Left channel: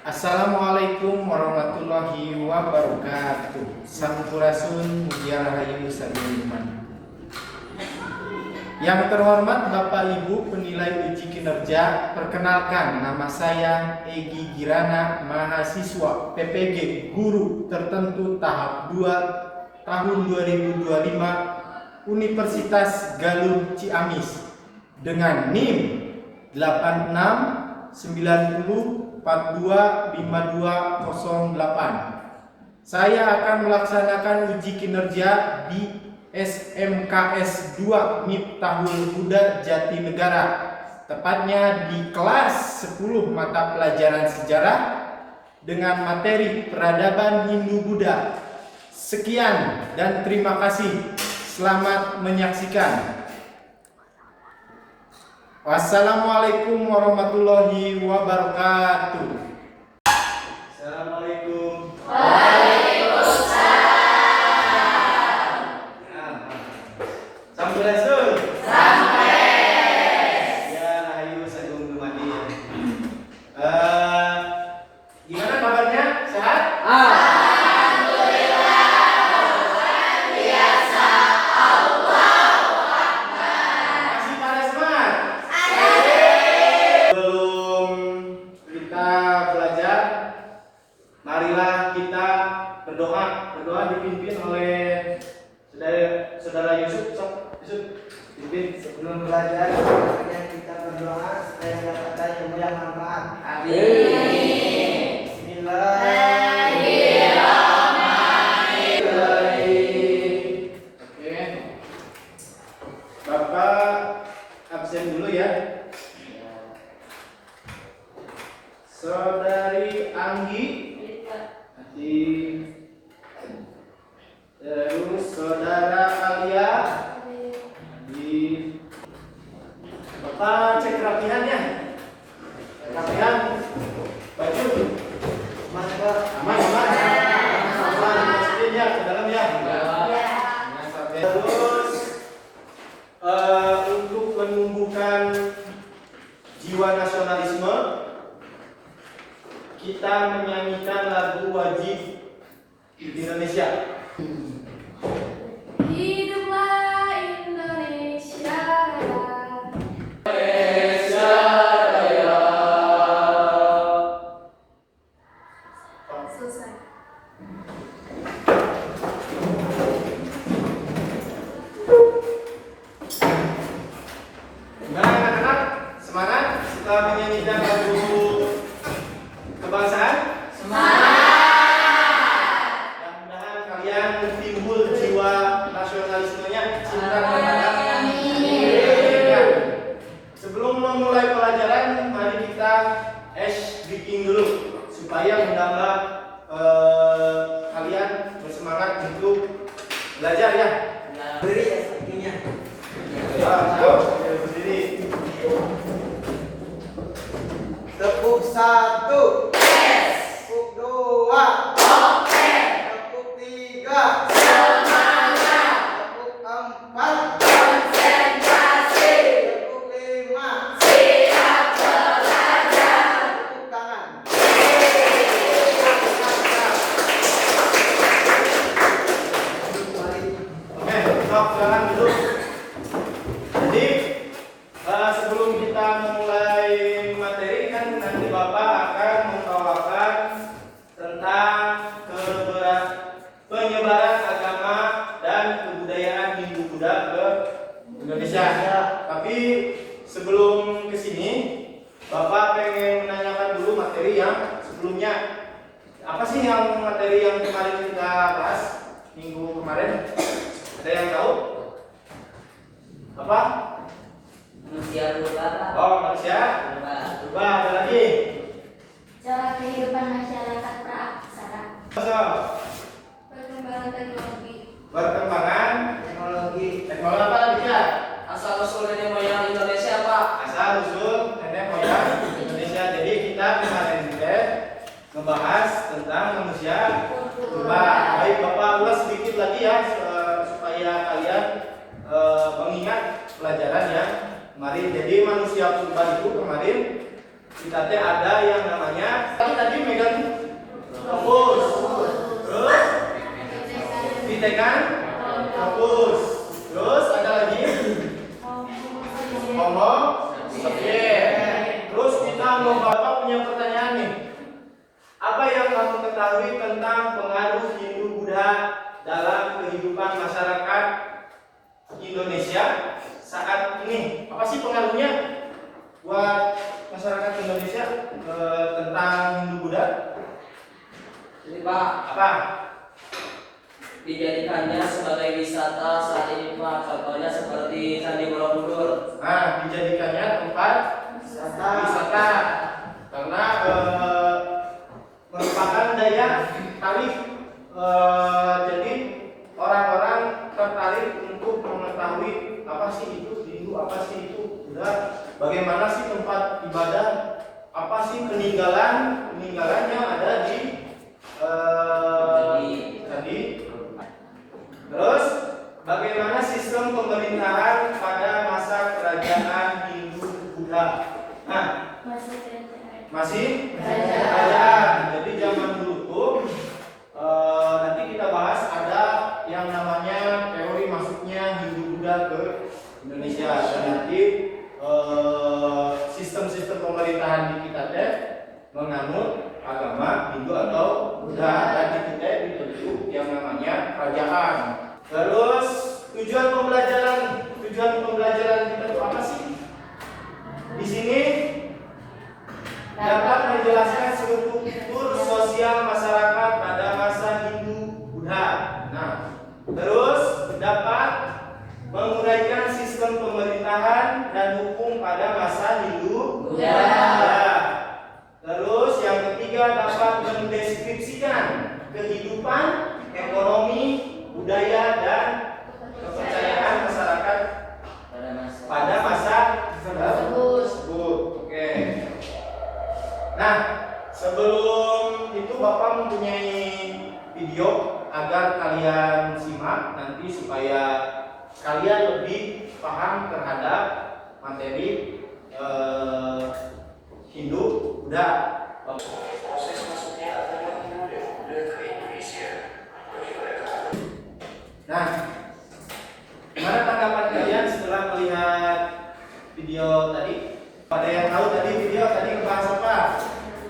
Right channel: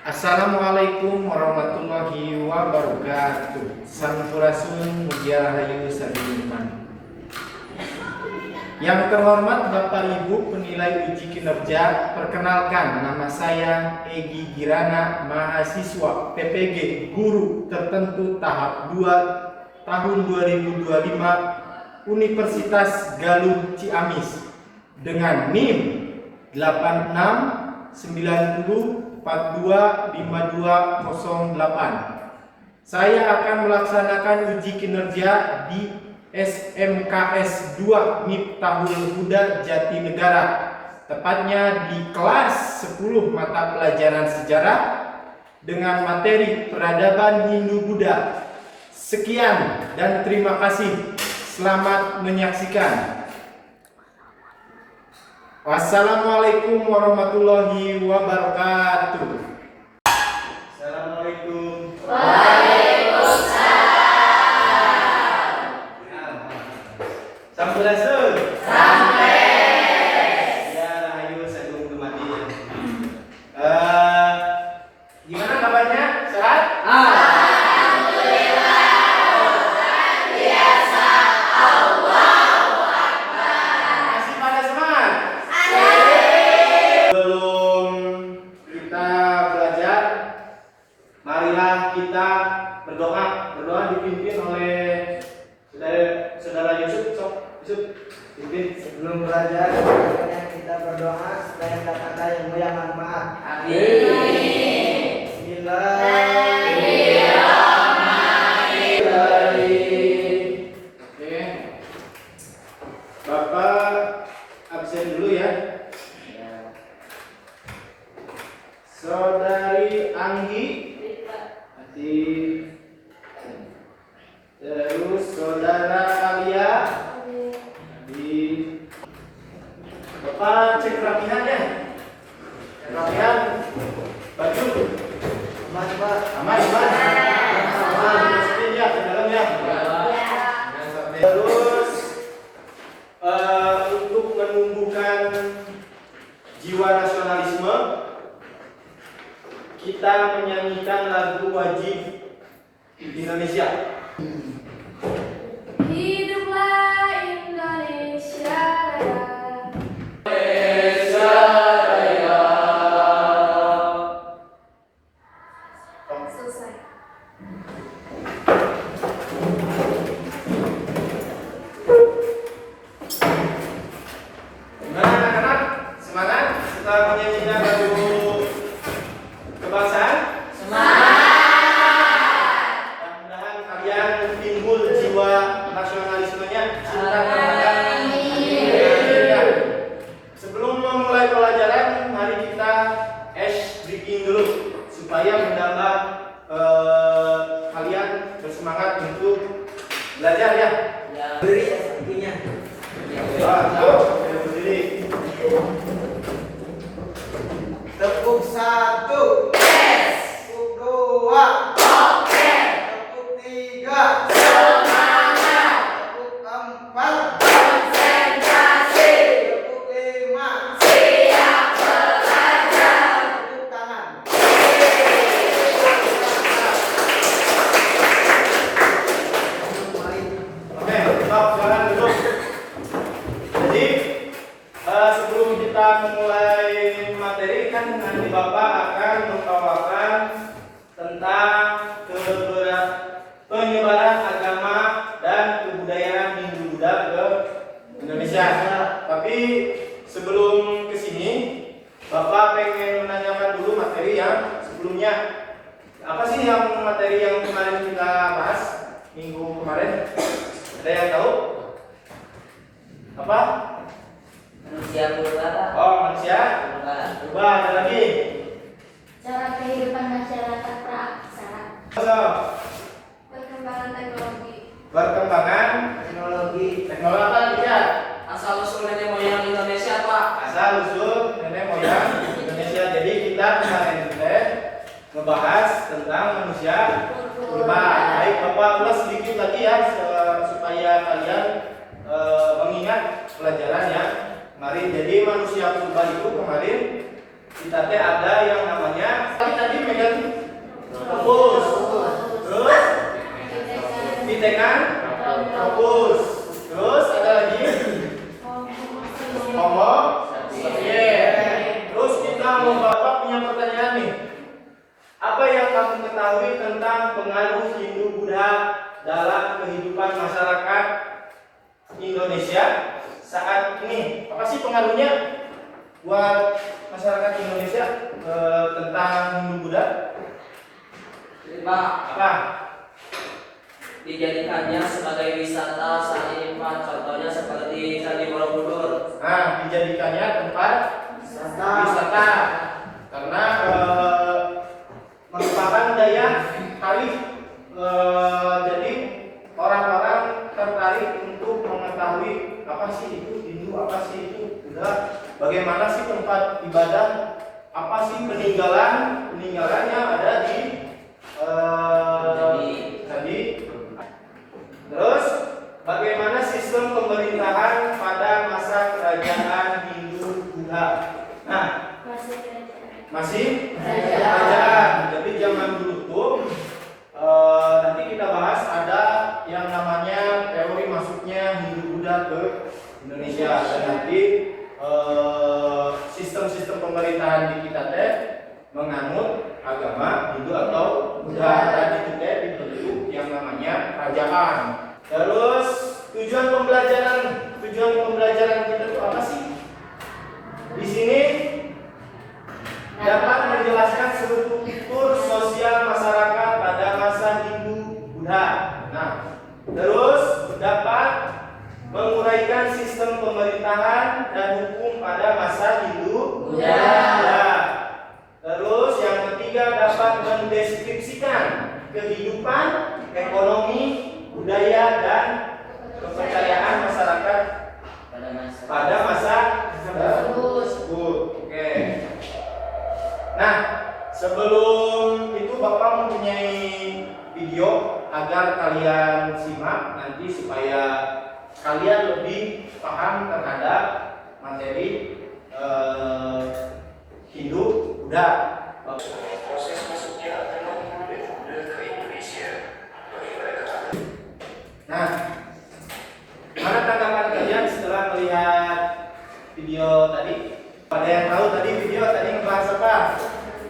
Assalamualaikum warahmatullahi wabarakatuh. Sampurasun mugia rahayu sabiman. Yang terhormat Bapak Ibu penilai uji kinerja, perkenalkan nama saya Egi Girana, mahasiswa PPG Guru Tertentu tahap 2 tahun 2025 Universitas Galuh Ciamis dengan NIM 8690425208. Saya akan melaksanakan uji kinerja di SMKS 2 Miftahul Huda Jatinegara, tepatnya di kelas 10 mata pelajaran sejarah dengan materi peradaban Hindu-Buddha. Sekian dan terima kasih. Selamat menyaksikan. Wassalamualaikum warahmatullahi wabarakatuh. Assalamualaikum. Sampurasun. Ya, ayo sagung dumadi. Gimana kabarnya? Sehat? Masih pada semangat? Sebelum kita belajar, marilah kita berdoa. Berdoa dipimpin oleh saudara Yusuf. Yusuf, pimpin. Sebelum belajar, kita berdoa supaya mendapatkan ilmu yang manfaat. Amin. Bismillahirrahmanirrahim. Oke. Bapak absen dulu ya. Saudari Anggi. Terus saudara Alia. Bapak cek rapihannya. Rapihan baju aman. Masukin ya ke dalam ya. Terus untuk menumbuhkan jiwa nasionalisme, kita menyanyikan lagu wajib di Indonesia. Hiduplah Indonesia Raya. selesai. Gimana anak-anak? Semangat setelah menyanyikan lagu kebangsaan? Mudah-mudahan kalian timbul jiwa nasionalismenya, cinta terhadap Indonesia. Sebelum memulai pelajaran, mari kita breaking dulu supaya menambah kalian bersemangat untuk belajar ya. Beri ya sepertinya. Berdiri. Tepuk 1. Tepuk 2. Tepuk 3. Tepuk 4. Tepuk 5. Tepuk tangan. Mari. Oke, stop, jangan duduk. Jadi sebelum kita memulai materi, kan nanti Bapak akan membawakan tentang penyebaran agama dan kebudayaan Hindu-Buddha ke Indonesia. Tapi sebelum ke sini, Bapak pengen menanyakan dulu materi yang sebelumnya. Apa sih yang materi yang kemarin kita bahas minggu kemarin? Ada yang tahu? Apa? Manusia berubah, Pak. Oh, manusia berubah. Ada lagi? Cara kehidupan masyarakat praaksara. Perkembangan teknologi. Perkembangan Teknologi. teknologi apa lagi ya? Asal usul nenek moyang Indonesia, Pak. Asal usul nenek moyang Indonesia. Jadi kita kemarin juga ngebahas tentang manusia berubah. Baik, Bapak ulas sedikit lagi ya supaya kalian mengingat pelajaran yang kemarin. Jadi manusia purba itu kemarin kita ada yang namanya tadi Kritengan, Tropus. Terus ada lagi Homo sapiens. Terus kita mau Bapak punya pertanyaan nih. Apa yang kamu ketahui tentang pengaruh Hindu Buddha dalam kehidupan masyarakat Indonesia saat ini? Apa sih pengaruhnya buat masyarakat Indonesia tentang Hindu Buddha? Jadi Pak, Apa? dijadikannya sebagai wisata saat ini Pak. Contohnya seperti Candi Borobudur. Nah, dijadikannya tempat wisata karena merupakan daya tarik. Jadi orang-orang tertarik untuk mengetahui apa sih itu Hindu, apa sih itu Buddha, bagaimana sih tempat ibadah, apa sih peninggalan yang ada di tadi. Terus bagaimana sistem pemerintahan pada masa kerajaan Hindu Buddha? Nah, masih kerajaan. Jadi zaman dulu tuh nanti kita bahas ada yang namanya teori masuknya Hindu Buddha ke Indonesia, dan nanti sistem-sistem pemerintahan di kita teh menganut agama Hindu atau Buddha, dan di kita dibentuk yang namanya kerajaan. Terus tujuan pembelajaran kita itu apa sih? Di sini dapat menjelaskan struktur sosial masyarakat pada masa Hindu Buddha. Nah, terus dapat menguraikan sistem pemerintahan dan hukum pada masa Hindu Buddha. Terus yang ketiga dapat mendeskripsikan kehidupan, ekonomi, budaya dan kepercayaan masyarakat pada masa tersebut. Oke. Nah, sebelum itu Bapak mempunyai video agar kalian simak nanti supaya kalian lebih paham terhadap materi Hindu Buddha. Proses masuknya agama Hindu dan Buddha ke Indonesia. Nah, mana tanggapan kalian setelah melihat video tadi? Ada yang tahu tadi video tadi ngebahas apa?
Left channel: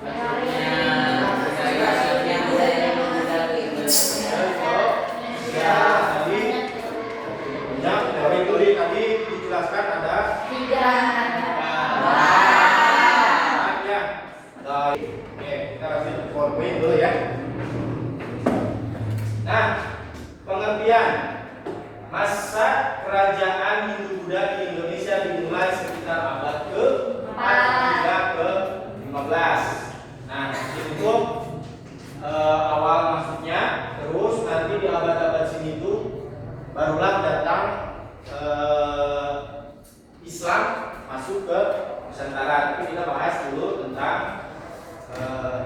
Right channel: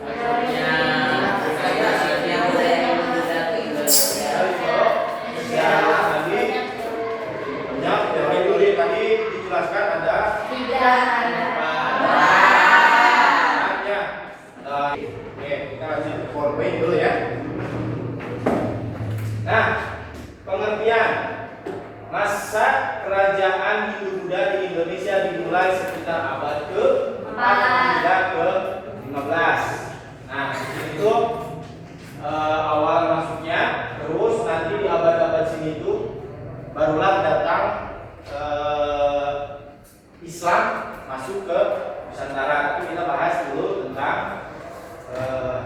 Masuknya budaya Buddha ke Indonesia. Ya, tadi banyak teori dulu tadi dijelaskan ada ya. Oke, kita lanjut ke PowerPoint dulu ya. Nah, pengertian masa kerajaan Hindu Buddha di Indonesia dimulai sekitar abad ke-4 hingga ke-15. Nah, itu awal masuknya. Terus nanti di abad-abad sini itu barulah datang Islam masuk ke Nusantara. Itu kita bahas dulu tentang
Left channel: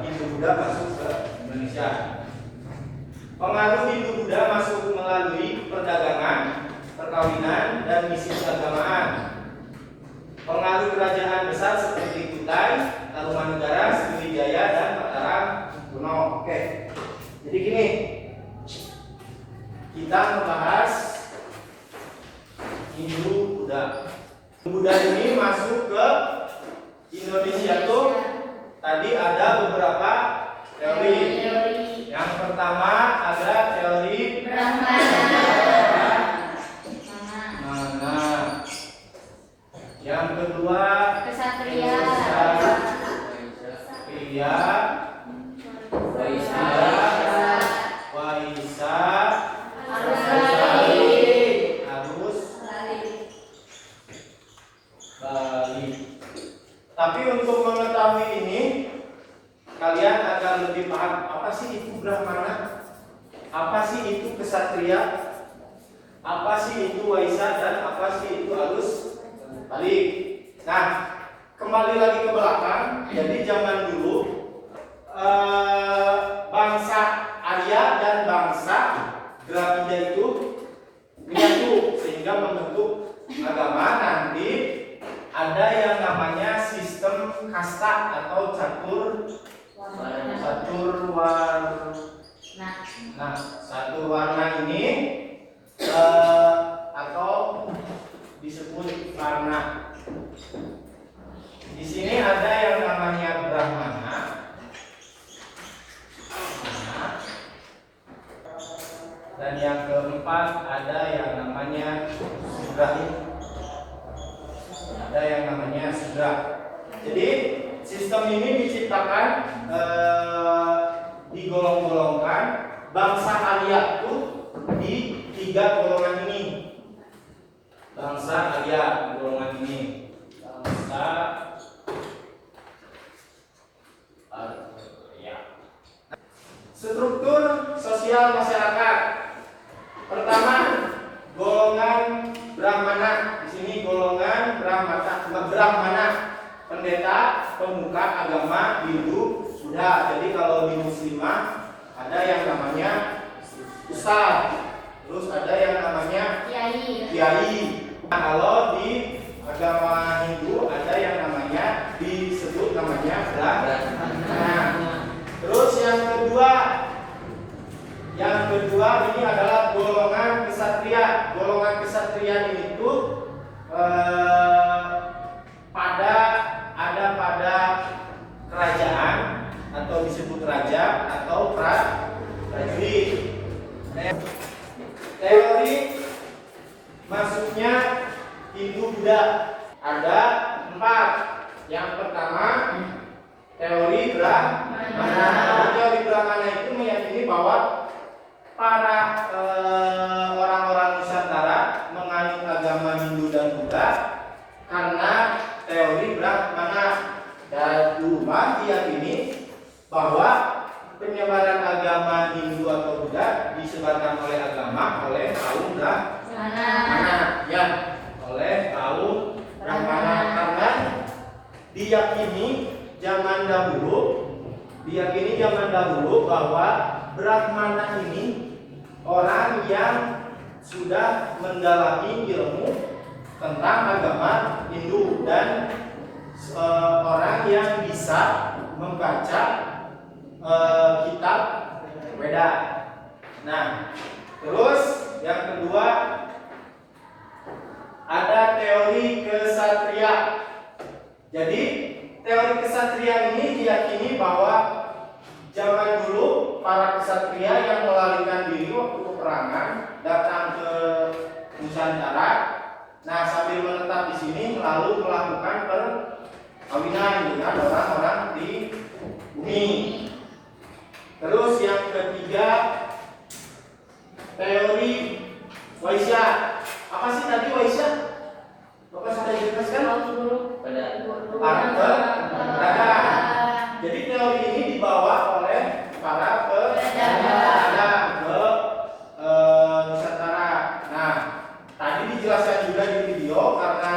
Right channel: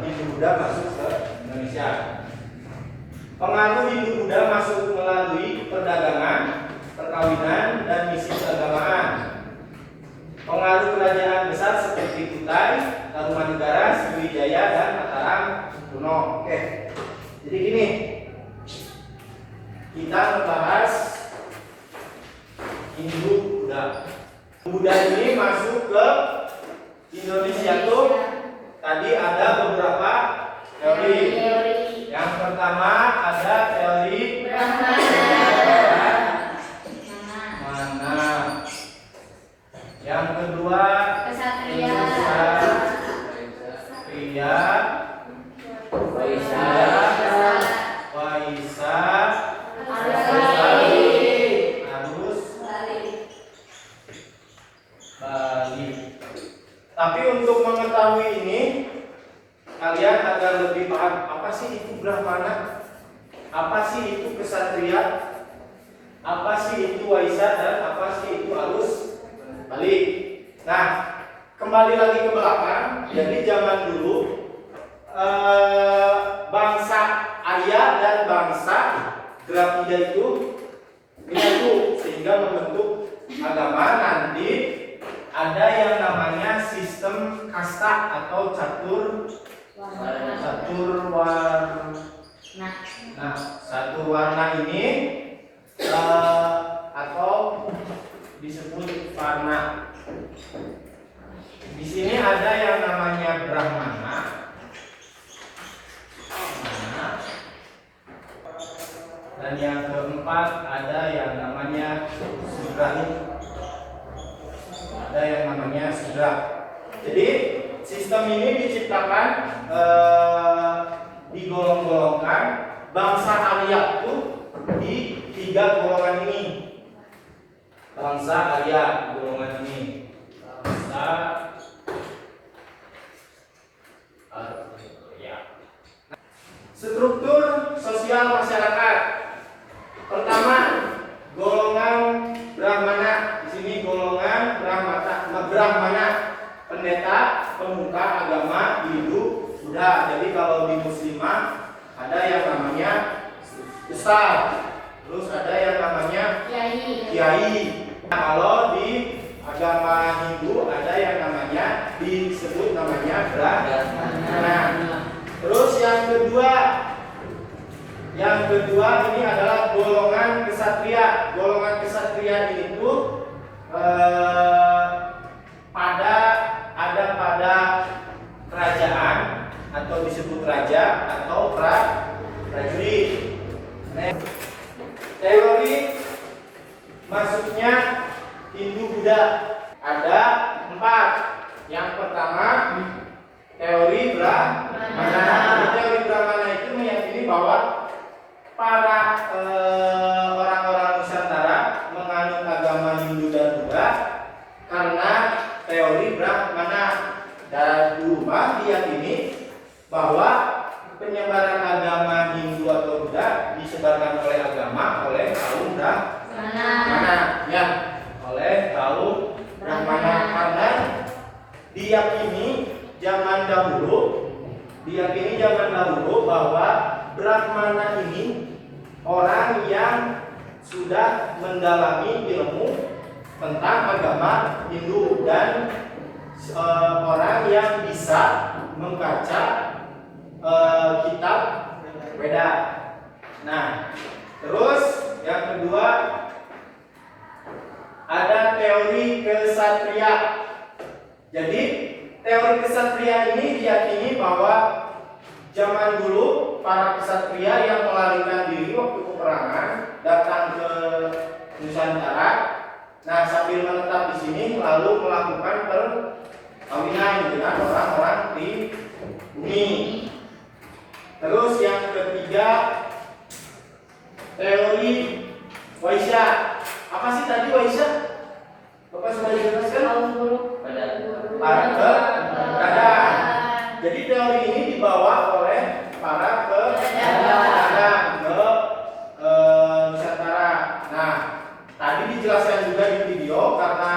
Hindu Buddha masuk ke Indonesia. Pengaruh Hindu Buddha masuk melalui perdagangan, perkawinan, dan misi keagamaan. Pengaruh kerajaan besar seperti Kutai, Tarumanegara, Sriwijaya, dan Mataram kuno. Oke, jadi gini, kita membahas Hindu Buddha. Buddha ini masuk ke Indonesia tuh tadi ada beberapa teori. Yang pertama ada teori Brahmana. Yang kedua Kesatria. Waisa, Bali. Tapi untuk mengetahui ini, kalian agar lebih paham apa sih itu Brahmana, apa sih itu Kesatria, apa sih itu Waisa, dan apa sih itu Arus Bali. Nah, kembali lagi ke belakang. Jadi zaman dulu bangsa Arya dan bangsa Dravida itu menyatu sehingga membentuk agama. Nanti ada yang namanya sistem kasta atau catur warna. Nah, satu warna ini Dan yang keempat ada yang namanya sudra. Ada yang namanya sudra. Jadi sistem ini diciptakan digolong-golongkan bangsa Arya itu di 3 golongan ini. Bangsa Arya golongan ini. Bangsa Arya. Struktur sosial masyarakat. Pertama, golongan Brahmana. Di sini golongan Brahmana, pendeta, pemuka agama Hindu, Buddha. Jadi kalau di Muslimah ada yang namanya ustaz, terus ada yang namanya kiai. Nah, kalau di agama Hindu ada yang namanya disebut namanya Brahmana. Terus yang kedua ini adalah golongan kesatria. Golongan kesatria itu pada kerajaan atau disebut raja atau prajurit. Teori masuknya Hindu Buddha ada 4. Yang pertama teori Brahmana. Teori Brahmana itu meyakini bahwa para orang-orang Nusantara menganut agama Hindu dan Buddha karena teori Brahmana. Dan Buddha diyakini bahwa penyebaran agama Hindu atau Buddha disebarkan oleh kaum Brahmana, ya, oleh kaum Brahmana karena diyakini zaman dahulu bahwa Brahmana ini orang yang sudah mendalami ilmu tentang agama Hindu dan orang yang bisa membaca kitab Weda. Nah, terus yang kedua ada teori kesatria. Jadi teori kesatria ini diyakini bahwa zaman dulu para kesatria yang melarikan diri waktu peperangan datang ke Nusantara. Nah, sambil menetap di sini lalu melakukan perkawinan dengan orang-orang di bumi. Terus yang ketiga teori Waisya. Apa sih tadi Waisya? Bapak sudah jelaskan? Pedagang. Jadi teori ini dibawa oleh para pedagang ke Nusantara. Nah, tadi dijelaskan juga di video karena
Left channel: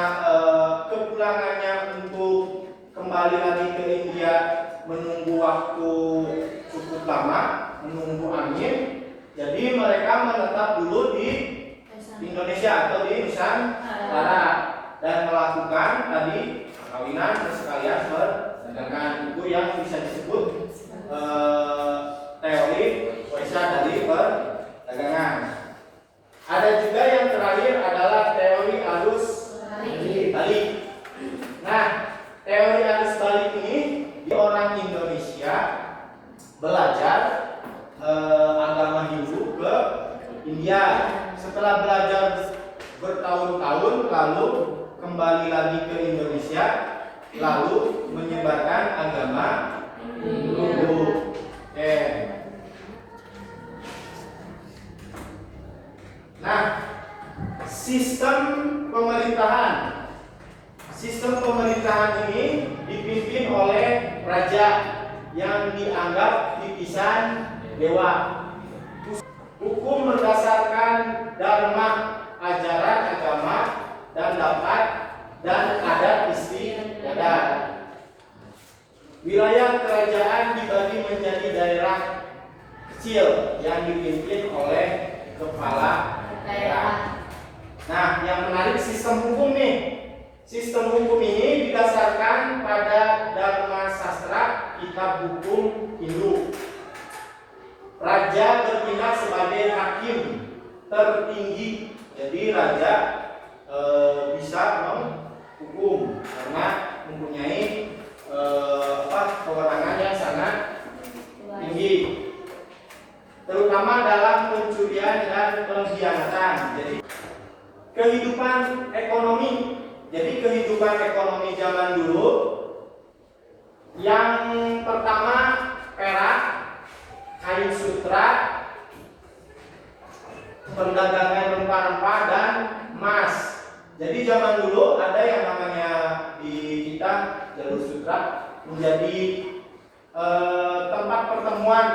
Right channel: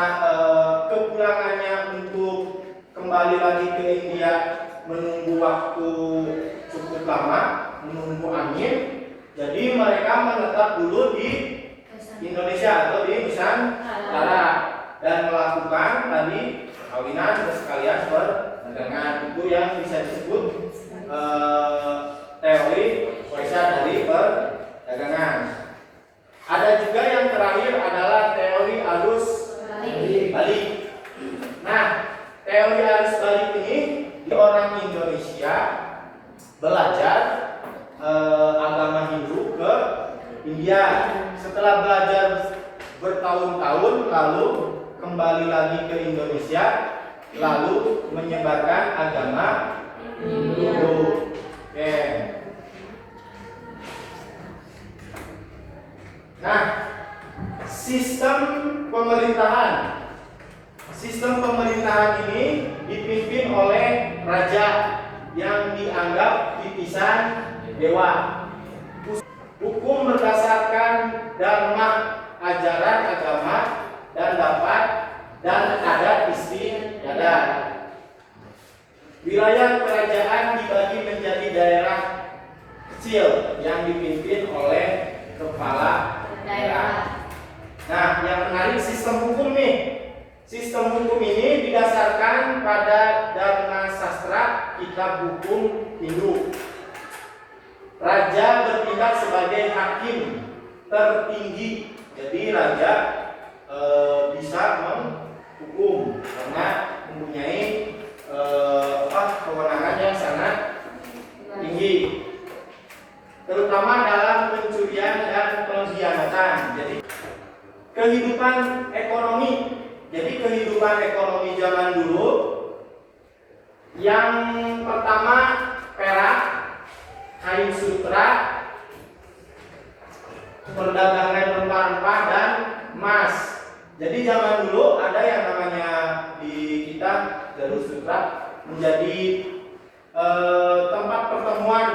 kepulangannya untuk kembali lagi ke India menunggu waktu cukup lama, menunggu angin. Jadi mereka menetap dulu di Indonesia atau di Nusantara dan melakukan tadi perkawinan terus sekalian perdagangan. Itu yang bisa disebut teori Waisya dari perdagangan. Ada juga yang terakhir adalah teori arus balik. Nah, teori arus balik ini orang Indonesia belajar agama Hindu ke India. Setelah belajar bertahun-tahun lalu kembali lagi ke Indonesia lalu menyebarkan agama Hindu. Oke. Nah, sistem pemerintahan ini dipimpin oleh raja yang dianggap titisan dewa. Hukum berdasarkan dharma, ajaran agama dan adat istiadat. Wilayah kerajaan dibagi menjadi daerah kecil yang dipimpin oleh kepala daerah. Nah, yang menarik sistem hukum nih. Sistem hukum ini didasarkan pada Dharma Sastra, kitab hukum Hindu. Raja bertindak sebagai hakim tertinggi. Jadi raja bisa menghukum karena mempunyai kewenangan yang sangat tinggi, terutama dalam pencurian dan kehidupan ekonomi zaman dulu, yang pertama perak, kain sutra, perdagangan rempah-rempah dan emas. Jadi zaman dulu ada yang namanya di kita jalur sutra menjadi tempat pertemuan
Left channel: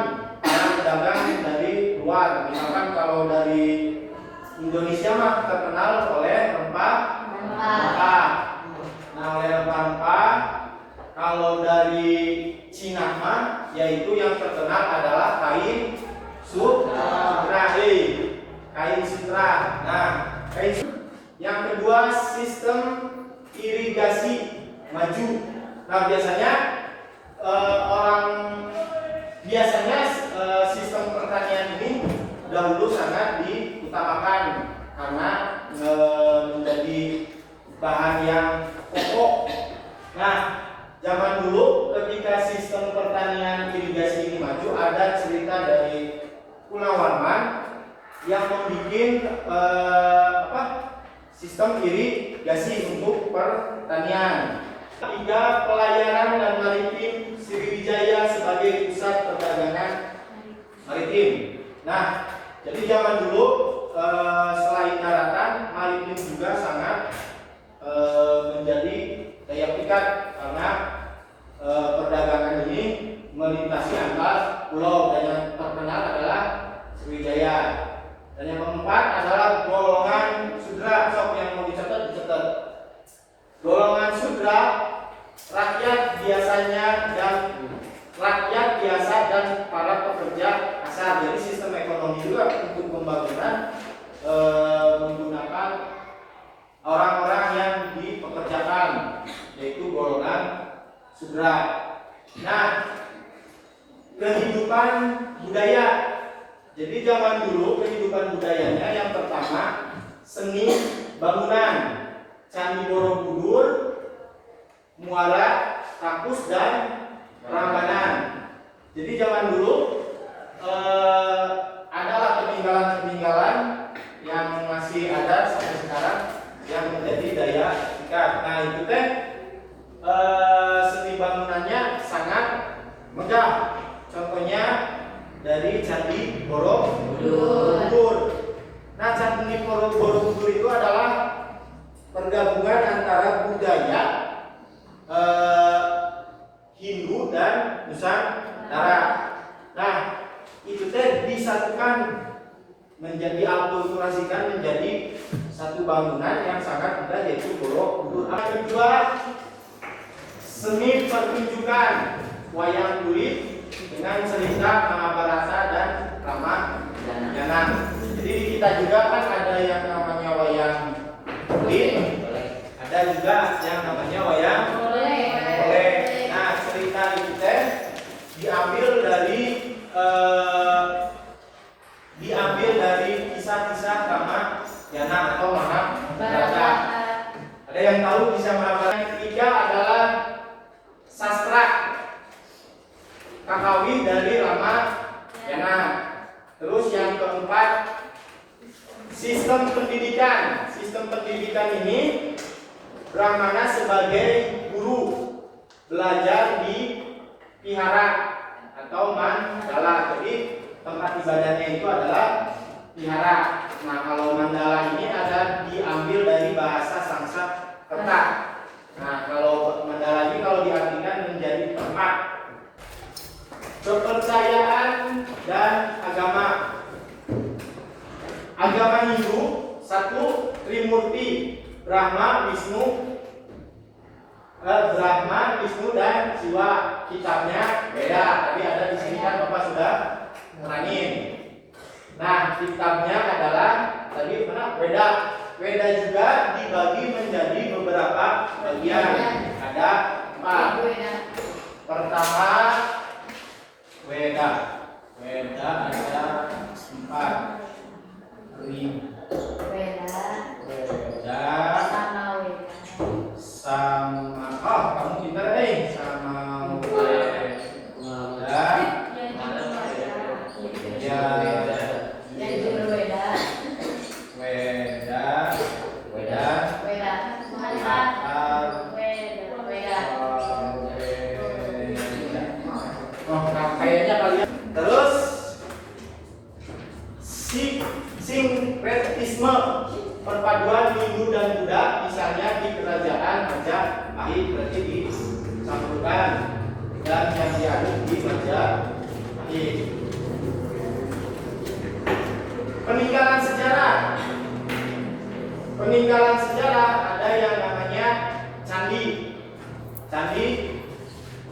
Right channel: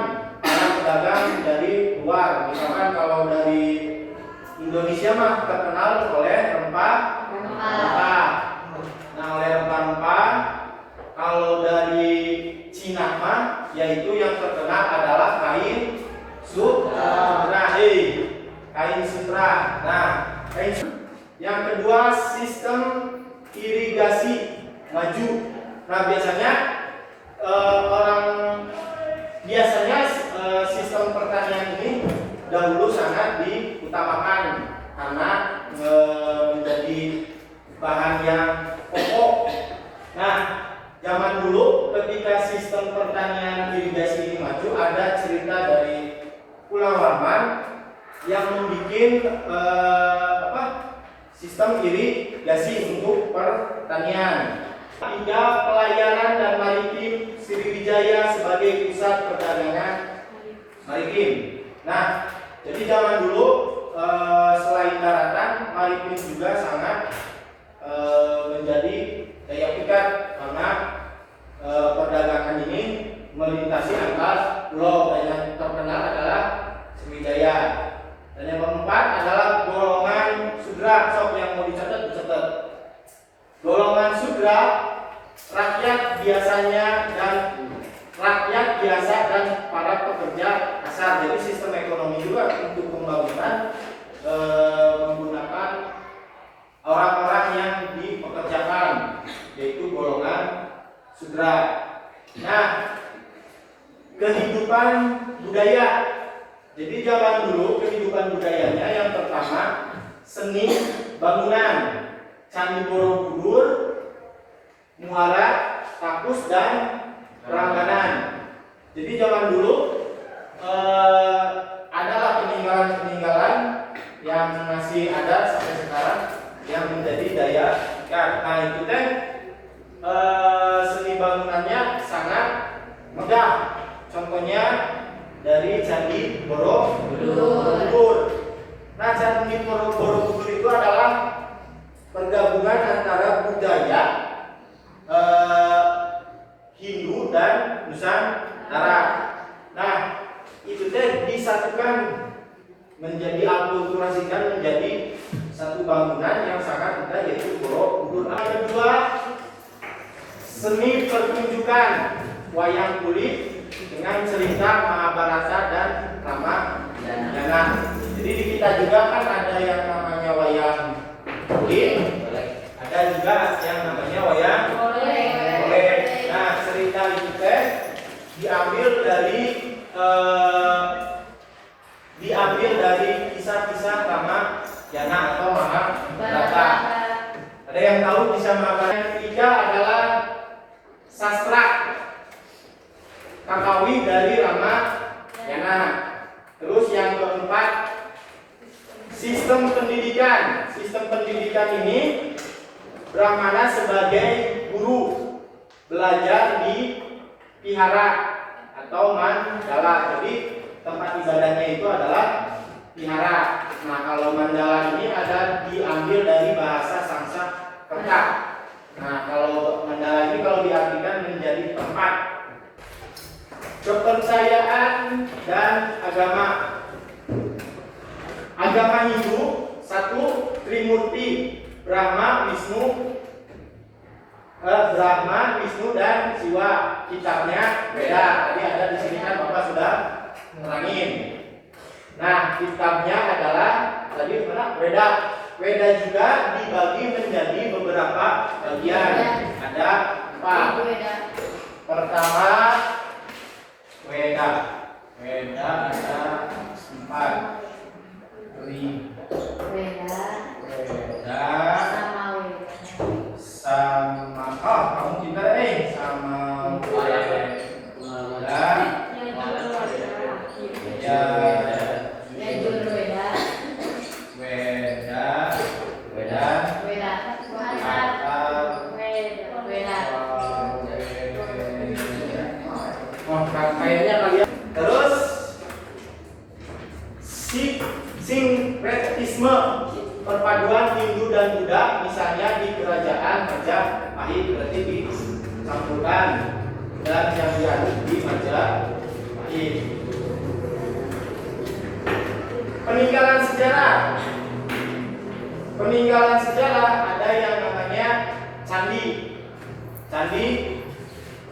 para pedagang dari luar. Misalkan kalau dari Indonesia mah terkenal oleh rempah-rempah. Nah, oleh rempah-rempah, kalau dari Cina mah yaitu yang terkenal adalah kain sutra. Kain sutra. Nah, kain sutra. Yang kedua, sistem irigasi maju. Nah, biasanya sistem pertanian ini dahulu sangat diutamakan karena menjadi bahan yang pokok. Nah, zaman dulu ketika sistem pertanian irigasi ini maju, ada cerita dari Pulau Warman yang membuat sistem irigasi untuk pertanian. Tiga, pelayaran dan maritim Sriwijaya sebagai pusat perdagangan maritim. Nah, jadi zaman dulu selain daratan, maritim juga sangat menjadi daya pikat karena perdagangan ini melintasi antar pulau. Yang terkenal adalah Sriwijaya. Dan yang keempat adalah golongan sudra. Sok yang mau dicatat. Golongan sudra, rakyat biasa dan para pekerja kasar. Jadi sistem ekonomi juga untuk pembangunan menggunakan orang-orang yang dipekerjakan, yaitu golongan sudra. Nah, kehidupan budaya. Jadi zaman dulu kehidupan budayanya yang pertama seni bangunan, Candi Borobudur, muara, takus dan Prambanan. Jadi zaman dulu adalah peninggalan-peninggalan yang masih ada sampai sekarang yang menjadi daya pikat. Nah, itu teh seni bangunannya sangat megah. Contohnya dari Candi Borobudur. Nah, Candi Borobudur itu adalah pergabungan antara budaya Hindu dan Nusantara. Nah, itu teh disatukan menjadi akulturasikan menjadi satu bangunan yang sangat indah, yaitu Borobudur. Yang kedua, seni pertunjukan wayang kulit dengan cerita Mahabharata dan Ramayana. Jadi di kita juga kan ada yang namanya wayang kulit, ada juga yang namanya wayang golek. Nah, cerita itu teh diambil dari kisah-kisah Ramayana atau Mahabharata. Ada yang tahu kisah Mahabharata? Yang ketiga adalah sastra Kakawi dari Ramayana. Terus yang keempat, sistem pendidikan. Sistem pendidikan ini Brahmana sebagai guru belajar di vihara atau mandala. Jadi tempat ibadahnya itu adalah vihara. Nah, kalau mandala ini ada diambil dari bahasa Sanskerta. Nah, kalau mandala ini kalau diartikan menjadi tempat. Kepercayaan dan agama. Agama Hindu satu, Trimurti, Brahma, Wisnu dan Siwa. Kitabnya beda. Tadi ada di sini kan Bapak sudah nerangin. Nah, kitabnya adalah tadi mana? Weda. Weda juga dibagi menjadi beberapa bagian. Ada 4. Pertama, Weda. Weda ada 4. Sama kamu pintar nih. Sama Weda. Weda. misalnya di kerajaan Majapahit berarti dicampurkan, dan yang diaduk di Majapahit. Peninggalan sejarah. Peninggalan sejarah ada yang namanya candi. Candi,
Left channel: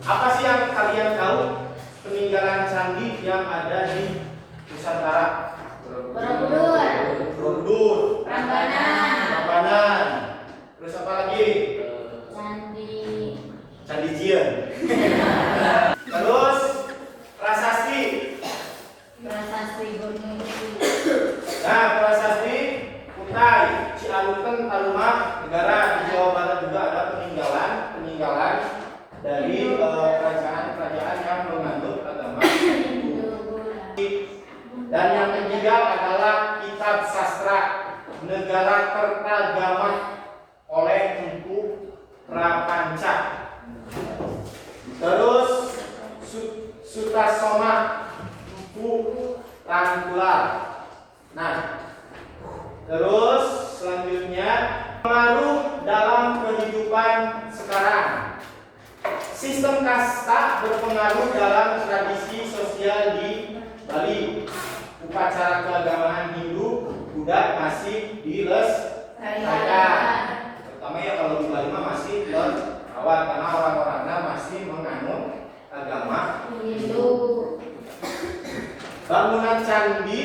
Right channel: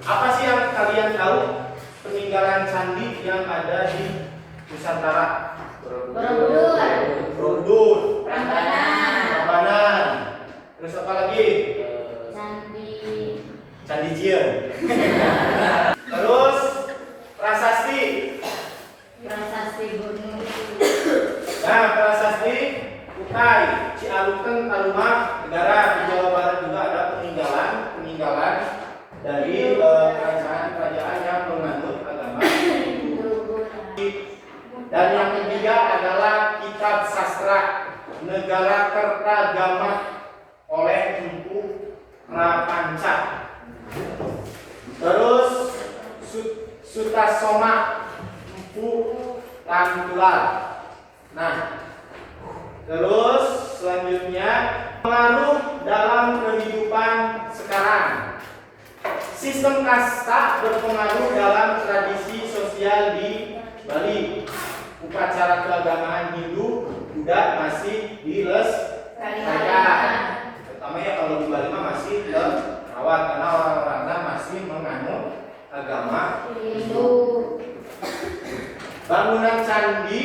apa sih yang kalian tahu peninggalan candi yang ada di Nusantara? Borobudur. Borobudur, Prambanan. Prambanan. Terus apa lagi? Candi. Candi Jien. Terus prasasti. Prasasti Gunung. Nah, prasasti Kutai, Cialuten, Taluma, Negara. Di Jawa Barat juga ada peninggalan dari kerajaan-kerajaan yang menganut agama Hindu. Dan yang ketiga adalah kitab sastra Negara Kertagama oleh Empu Prapanca. Terus Sutasoma Empu Tangkular. Nah, terus selanjutnya pengaruh dalam kehidupan sekarang. Sistem kasta berpengaruh dalam tradisi sosial di Bali. Upacara keagamaan Hindu Buddha masih dilestarikan. Terutama ya kalau di Bali mah masih terawat karena orang-orangnya masih menganut agama Hindu. Bangunan candi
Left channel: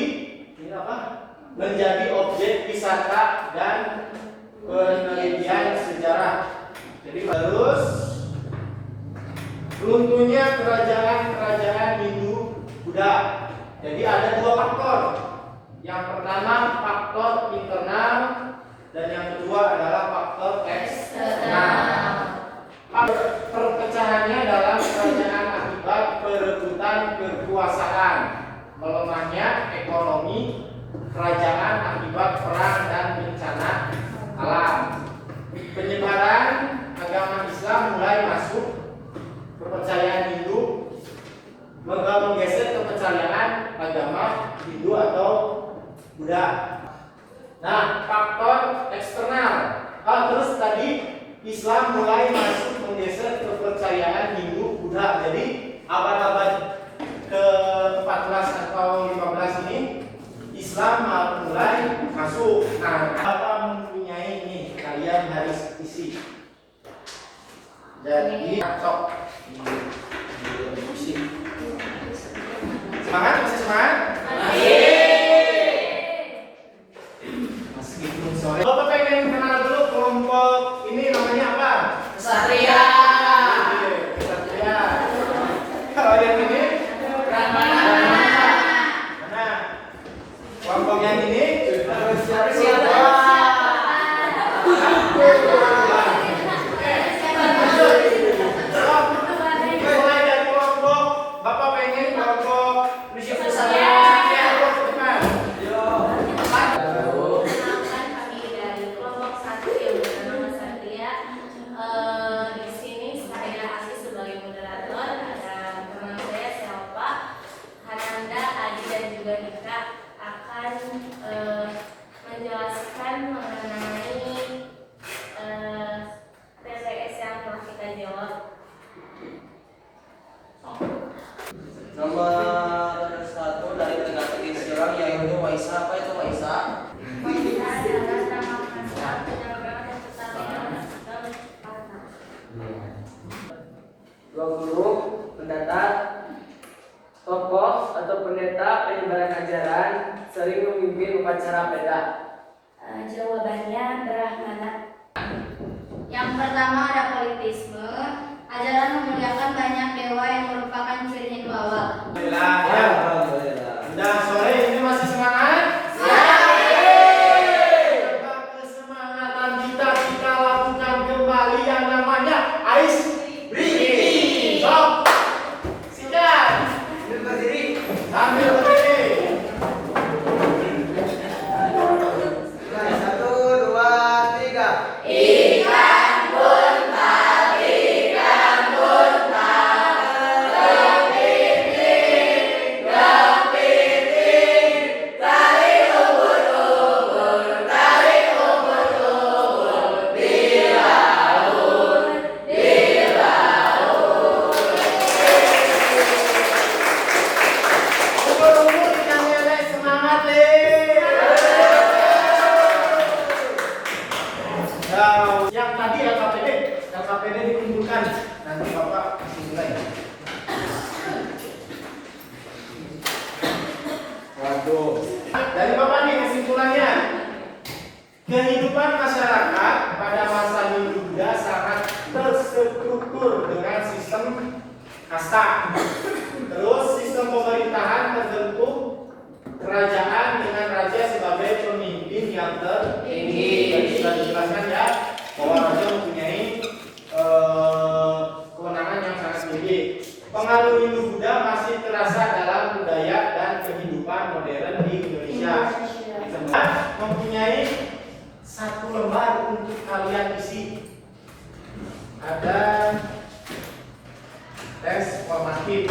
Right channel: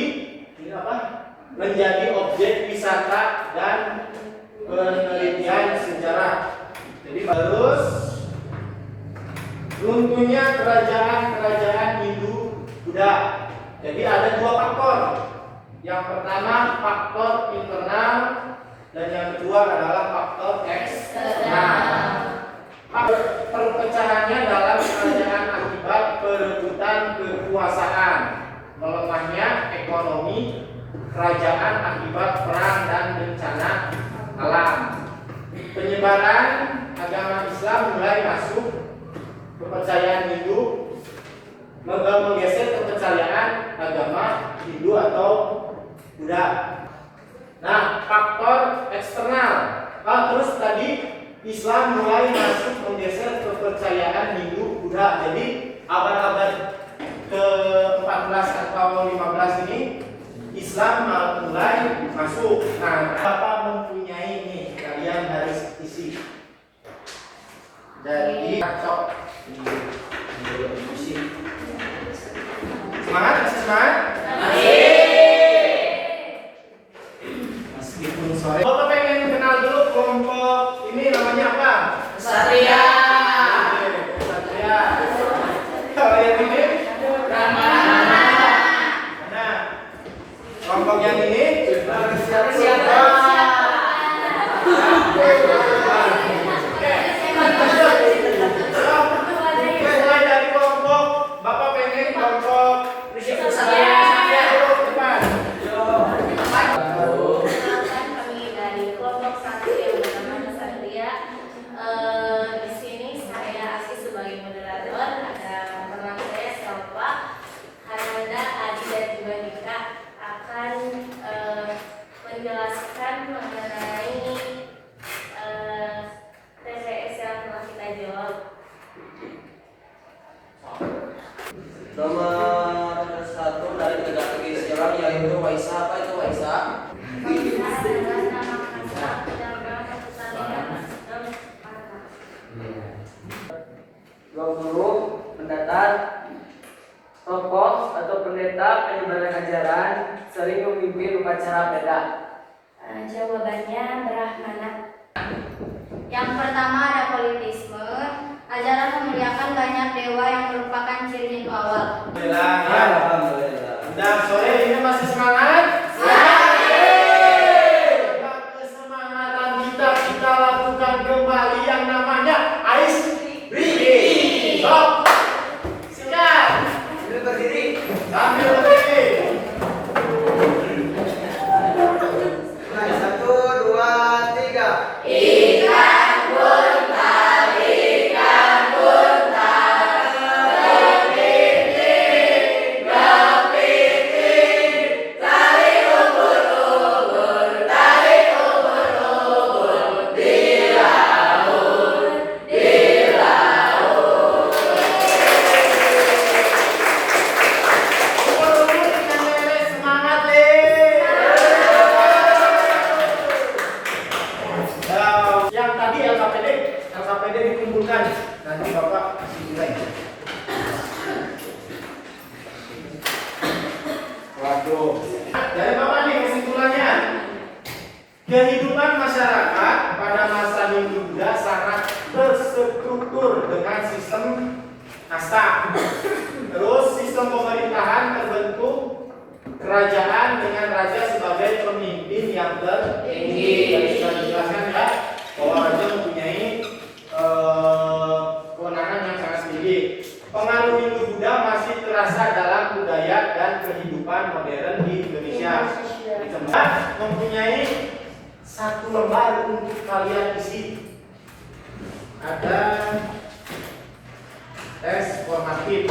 ini apa? Menjadi objek wisata dan penelitian sejarah. Jadi terus runtuhnya kerajaan-kerajaan Hindu Buddha. Jadi ada dua faktor. Yang pertama faktor internal dan yang kedua adalah faktor eksternal. Perpecahannya dalam kerajaan akibat perebutan kekuasaan, melemahnya ekonomi kerajaan akibat perang dan bencana alam. Penyebaran agama Islam mulai masuk, kepercayaan Hindu menggeser kepercayaan agama Hindu atau Buddha. Nah, faktor eksternal. Terus tadi Islam mulai masuk menggeser kepercayaan Hindu Buddha. Jadi abad-abad ke-14 atau 15 ini Islam mulai masuk. Nah, apa mempunyai ini kalian harus isi. Jadi sok isi. Semangat, masih semangat? Meskipun sore. Bapak pengen kenal dulu kelompok ini namanya apa? Kesatria. Kesatria. Kalau yang ini? Mana? Kelompok yang ini? Siapa? Mulai dari kelompok Bapak pengen kelompok Perkenalkan kami dari kelompok satu yang bernama Satria. Di sini saya Aski sebagai moderator. Ada teman saya Selva, Hananda, Adi dan juga Nika akan menjelaskan mengenai TPS yang telah kita jawab. Nomor satu dari teka-teki sejarah yaitu Waisa. Apa itu Waisa? Dua guru, pendatar, tokoh atau pendeta penyebaran ajaran sering memimpin upacara peda. Jawabannya Brahmana. Yang pertama ada politisme. Ajaran memuliakan banyak dewa yang merupakan ciri Hindu awal. Alhamdulillah. Udah sore ini masih semangat? Kesemangatan kita lakukan kembali yang namanya ice breathing. Sok, sikat. Sambil berdiri. Sambil berdiri. Satu, dua, tiga. Waduh. Dari Bapak nih kesimpulannya. Kehidupan masyarakat pada masa Hindu Buddha sangat terstruktur dengan sistem kasta. Terus sistem pemerintahan terbentuk kerajaan dengan raja sebagai pemimpin yang tertinggi. Tadi sudah dijelaskan ya bahwa raja mempunyai kewenangan yang sangat tinggi. Pengaruh Hindu Buddha masih terasa dalam budaya dan kehidupan modern di Indonesia. Kita mempunyai satu lembar untuk kalian isi. Ada tes formatif.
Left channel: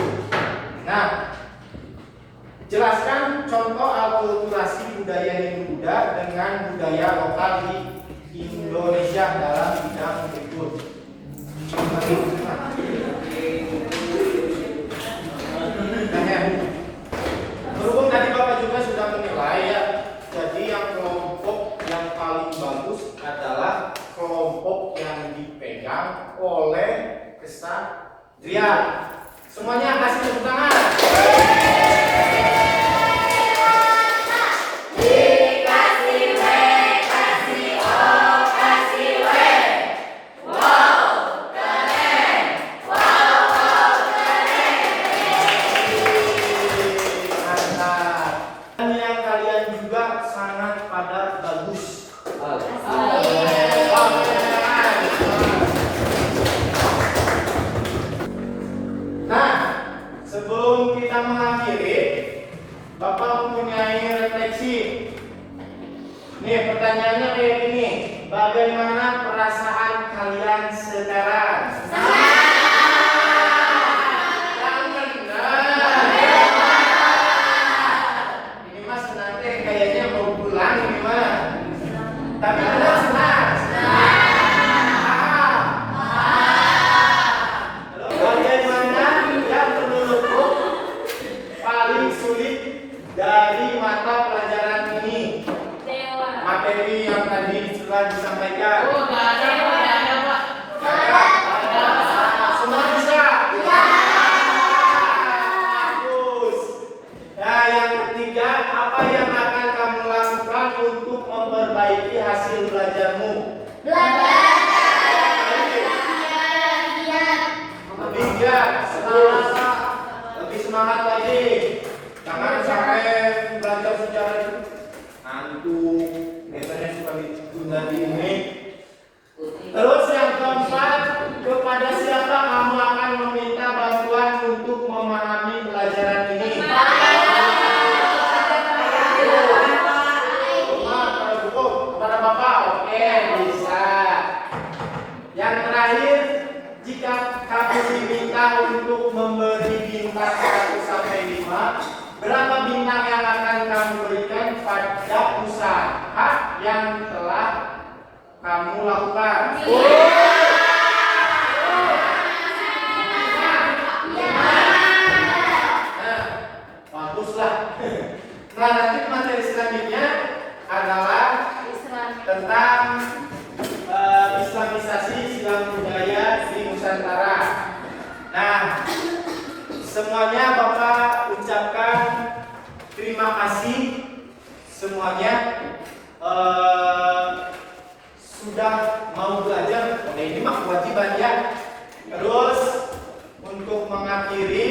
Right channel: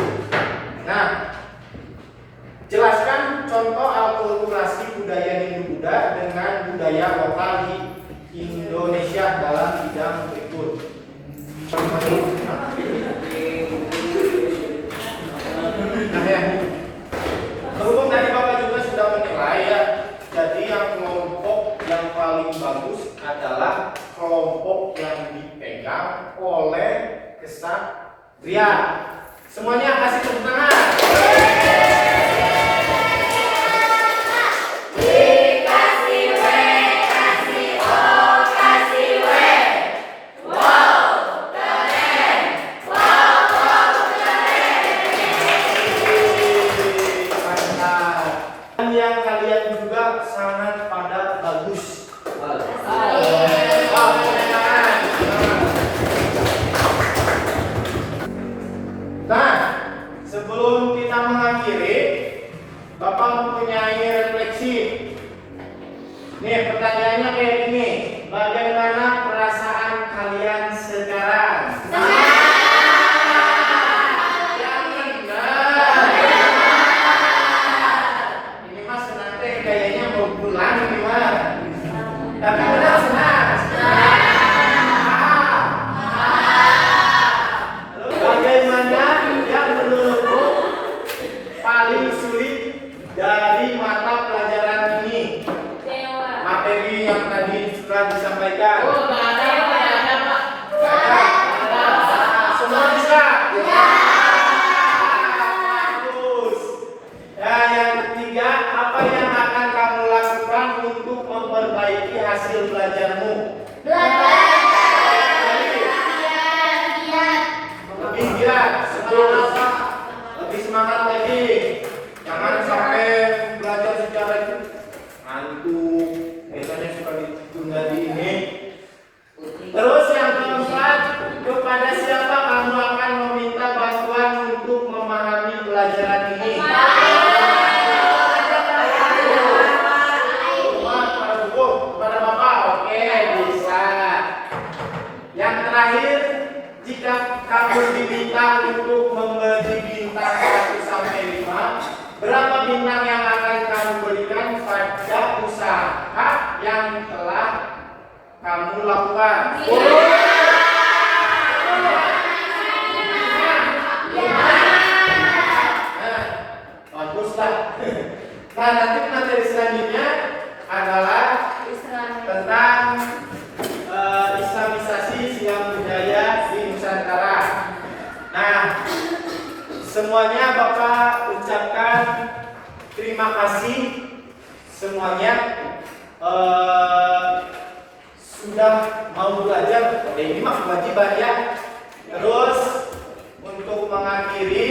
Nah, jelaskan contoh akulturasi budaya Hindu Buddha dengan budaya lokal di Indonesia dalam bidang berikut. Berhubung tadi Bapak juga sudah menilai ya, jadi yang kelompok yang paling bagus adalah kelompok yang dipegang oleh kesatria. Semuanya kasih tepuk tangan. Sebelum kita mengakhiri, Bapak mempunyai refleksi. Nih pertanyaannya kayak gini, bagaimana perasaan kalian sekarang? Yang benar. Ini mas nanti kayaknya mau pulang nih mas. Tapi benar senang. Bagaimana yang menurutmu paling sulit dari mata pelajaran ini? Materi yang tadi sudah disampaikan. Nggak ada, Pak. Semua bisa. Bagus. Nah, yang ketiga, apa yang akan kamu lakukan untuk memperbaiki hasil belajarmu? Lebih giat, lebih semangat lagi. Jangan sampai belajar secara itu ngantuk. Biasanya suka ditunda di ini. Terus yang keempat, kepada siapa kamu akan meminta bantuan untuk memahami pelajaran ini? Kepada Bapak, oke bisa. Yang terakhir, jika kamu diminta untuk memberi bintang 1 sampai 5, berapa bintang yang akan kamu berikan pada usaha yang telah kamu lakukan? Nah, baguslah. Nah, nanti materi selanjutnya adalah tentang Islamisasi Islam budaya di Nusantara. Nah, semuanya Bapak ucapkan terima kasih semuanya sudah mau belajar. Ini mah kewajiban ya. Terus untuk mengakhiri